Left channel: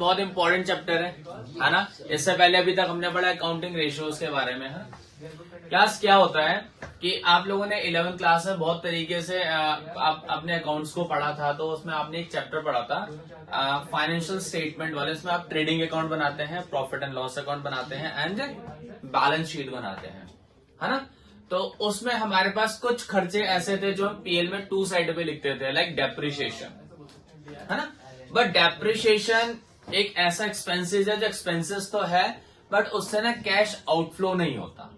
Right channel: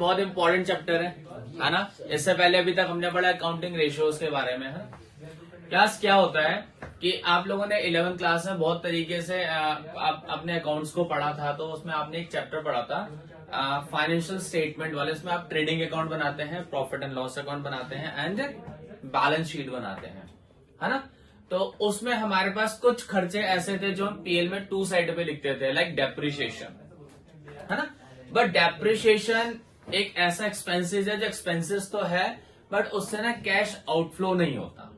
बहुत important chapter है ना। इससे पहले अभी तक हमने पढ़ा अकाउंटिंग रेशियोज के बारे में है। क्लास क्या होता है कि आप लोगों ने 11वीं क्लास में बहुत तरीके से आप अपने अकाउंट्स को पढ़ा था, तो उसमें आपने एक चैप्टर पढ़ा था फाइनेंशियल स्टेटमेंट वाले। उसमें आप ट्रेडिंग अकाउंट बनाते हैं, प्रॉफिट एंड लॉस अकाउंट बनाते हैं एंड बैलेंस शीट बनाते हैं, है ना। तो उसमें हमारे पास कुछ खर्चे ऐसे थे जो हम पीएल में 2 साइड पे लिखते थे, लाइक डेप्रिसिएशन, है ना। बट डेप्रिसिएशन एक ऐसा एक्सपेंसेस है जो एक्सपेंसेस तो है, बट उससे ना कैश आउटफ्लो नहीं होता।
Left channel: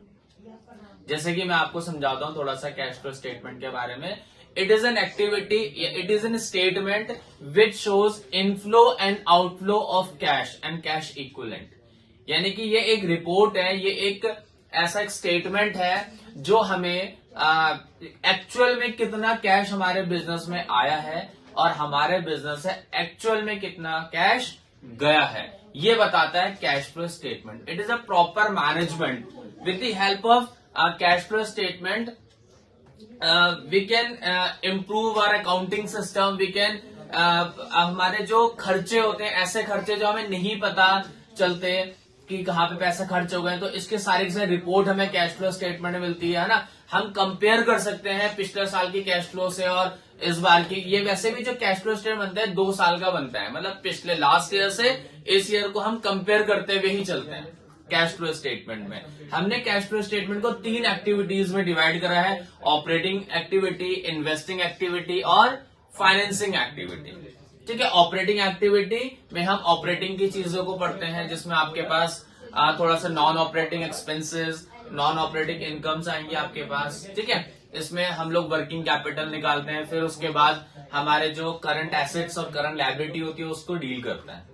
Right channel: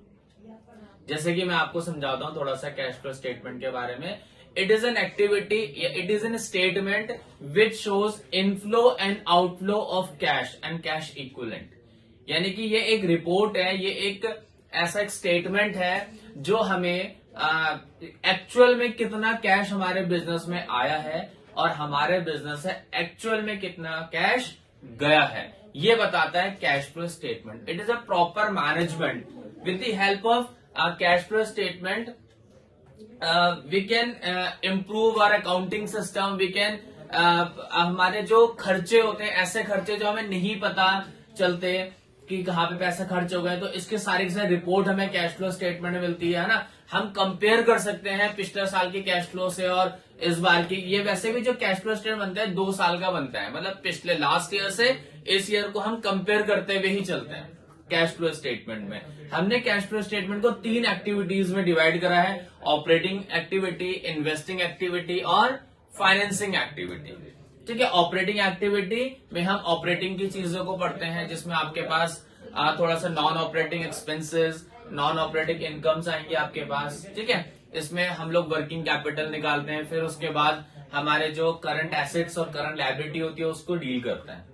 जैसे कि मैं आपको समझाता हूं थोड़ा सा कैश फ्लो स्टेटमेंट के बारे में। It is an activity, it is an statement which shows inflow and outflow of cash and cash equivalent. यानी कि ये एक रिपोर्ट है, ये एक ऐसा एक स्टेटमेंट है जो हमें एक्चुअल में कितना कैश हमारे बिजनेस में आया है और हमारे बिजनेस से एक्चुअल में कितना कैश गया है, ये बताता है cash flow statement. It is a proper management with the help of cash flow statement we can improve our accounting system. We can हमारे जो खर्चे होते हैं, ऐसे खर्चे जो हमें नहीं पता चलते कि कहाँ पे पैसा खर्च हो गए, तो इसके सारे की सारी रिपोर्ट हमें कैश फ्लो स्टेटमेंट में मिलती है ना। हम कंपेयर कर सकते हैं पिछले साल की कैश फ्लो से और इस बार की। ये वैसे भी जो कैश फ्लो स्टेटमेंट बनता है 2 साल का बनता है, मतलब पिछले लास्ट ईयर से इस ईयर को हम कंपेयर करते हुए ही चलते हैं। कैश फ्लो स्टेटमेंट में हमने कैश फ्लो स्टेटमेंट को 3 एक्टिविटीज में डिवाइड करा है: ऑपरेटिंग एक्टिविटी, इन्वेस्टिंग एक्टिविटी और फाइनेंसिंग एक्टिविटी। ठीक है, ऑपरेटिंग एक्टिविटी में हम ऑपरेटिंग की चीजों को पढ़ते हैं, जिसमें आपके पास थोड़ा सा non operating expenses, non operating incomes आएंगे आपके पास। ठीक है, इसमें हम लोग वर्किंग कैपिटल निकालते हैं, फिर उसके बाद हमारे जो करंट एसेट्स और करंट लायबिलिटी होती है उसको डील करते हैं।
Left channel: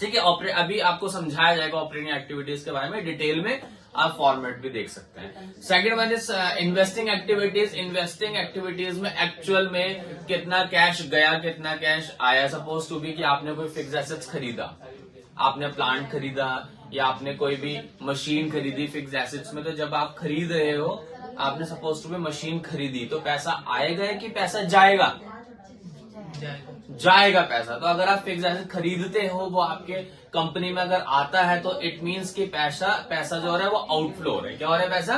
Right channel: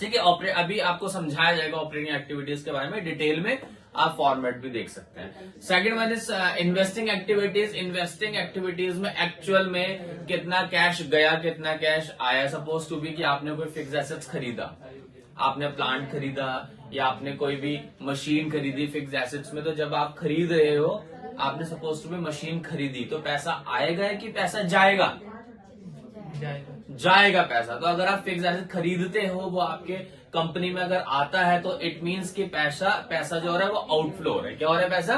ठीक है, अभी आपको समझाया जाएगा ऑपरेटिंग एक्टिविटीज के बारे में डिटेल में, आप फॉर्मेट भी देख सकते हैं। Second one is investing activities. Investing activities में एक्चुअल में कितना कैश गया, कितना कैश आया। सपोज टू बी कि आपने कोई फिक्स एसेट्स खरीदा, आपने प्लांट खरीदा या आपने कोई भी मशीन खरीदी फिक्स एसेट्स में। तो जब आप खरीद रहे हो, आपने सपोज टू बी मशीन खरीदी, तो पैसा आएगा कि पैसा जाएगा? जाएगा पैसा। तो अगर आप फिक्स एसेट खरीदते हो, वो आपके कंपनी में अगर आता है, तो इट मींस कि पैसा जो हो रहा है वो आउटफ्लो हो रहा है। क्या हो रहा है? पैसा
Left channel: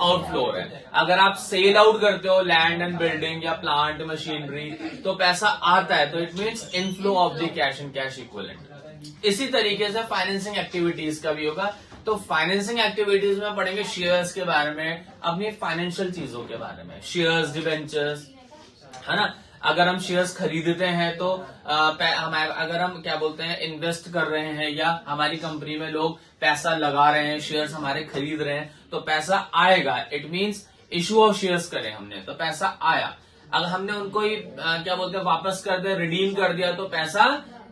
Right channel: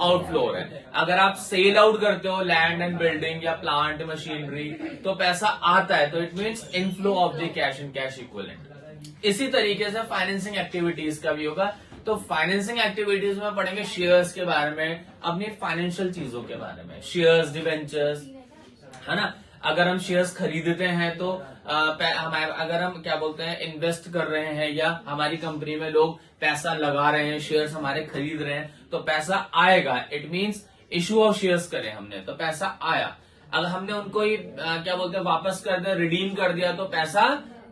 आउटफ्लो हो रहा है। अगर आप सेल आउट करते हो लैंड एंड बिल्डिंग या प्लांट मशीनरी, तो पैसा आता है, तो it means inflow of the cash and cash equivalent. इसी तरीके से फाइनेंसिंग एक्टिविटीज का भी होगा। तो फाइनेंसिंग एक्टिविटीज में पढ़ेंगे शेयर्स के बारे में, अपनी फाइनेंशियल चीजों के बारे में, शेयर्स, डिवेंचर्स, है ना। अगर हम शेयर्स खरीदते हैं तो अगर हम क्या बोलते हैं इन्वेस्ट कर रहे हैं या हमारी कंपनी में लोग पैसा लगा रहे हैं, शेयर्स हमारे खरीद रहे हैं, तो पैसा आएगा। It means issue of shares करे हमने तो पैसा आया। अगर हमने उनको ही क्या बोलते हैं वापस कर दिया, रिडीम कर दिया, तो पैसा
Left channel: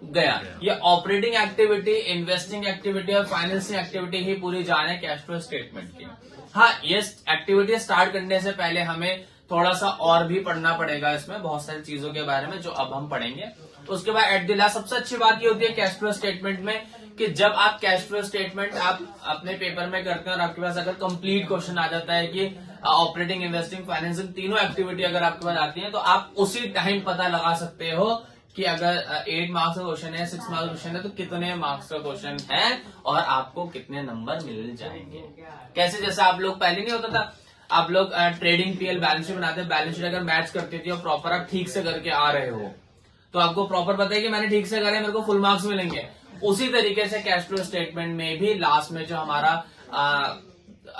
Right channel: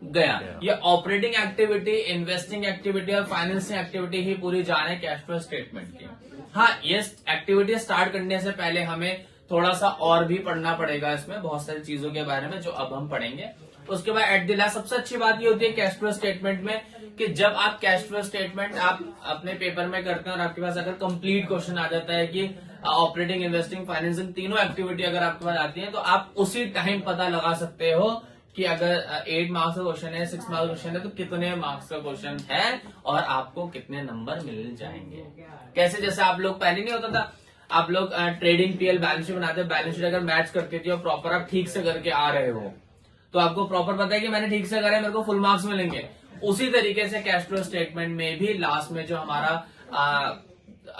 गया। ये ऑपरेटिंग एक्टिविटी, इन्वेस्टिंग एक्टिविटी और फाइनेंसिंग एक्टिविटी ही पूरी जान है कैश फ्लो स्टेटमेंट की। हाँ, ये एक्टिविटी स्टार्ट करने से पहले हमें थोड़ा सा और भी पढ़ना पड़ेगा, इसमें बहुत सारी चीजों के बारे में जो अब हम पढ़ेंगे। तो उसके बाद एट द लास्ट सबसे अच्छी बात ये होती है कैश फ्लो स्टेटमेंट में कि जब आप कैश फ्लो स्टेटमेंट आप अपने पेपर में करते हैं और आपके पास अगर कंप्लीट क्वेश्चन आ जाता है कि ऑपरेटिंग, इन्वेस्टिंग, फाइनेंसिंग तीनों एक्टिविटी अगर आपके पास आती है, तो आप उसी टाइम पता लगा सकते हो कि अगर 8 मार्क्स का क्वेश्चन है, 6 मार्क्स का क्वेश्चन है, तो कितने मार्क्स का क्वेश्चन है और आपको कितने नंबर मिल जाएंगे। कैसे? जैसे आप लोग पहले नहीं होता था, आप लोग ट्रेडिंग पीएल बैलेंस शीट बनाते हैं, बैलेंस शीट अगर मैच करती थी और प्रॉपर आप ठीक से करके आ रहे हो, तो आपको प्रॉपर पता है कि मैंने ठीक से करे, मेरे को फुल मार्क्स मिलेंगे। उसी तरीके से कैश फ्लो स्टेटमेंट में भी लास्ट में जो हमारा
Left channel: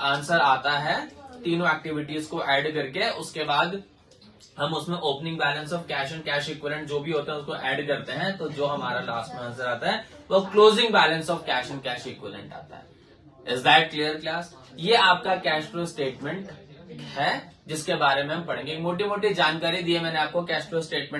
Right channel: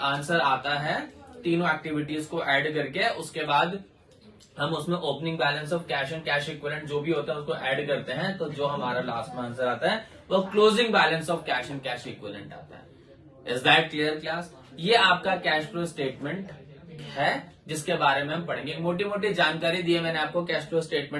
आंसर आता है, तीनों एक्टिविटीज को ऐड करके, उसके बाद हम उसमें opening balance of cash and cash equivalent जो भी होता है उसको ऐड करते हैं, तो जो हमारा लास्ट में आंसर आता है वो closing balance of cash and cash equivalent आता है। Is that clear class? ये आपका कैश फ्लो स्टेटमेंट है जिसके बारे में हम पढ़ेंगे। मोटी मोटी जानकारी दी है मैंने आपको कैश फ्लो स्टेटमेंट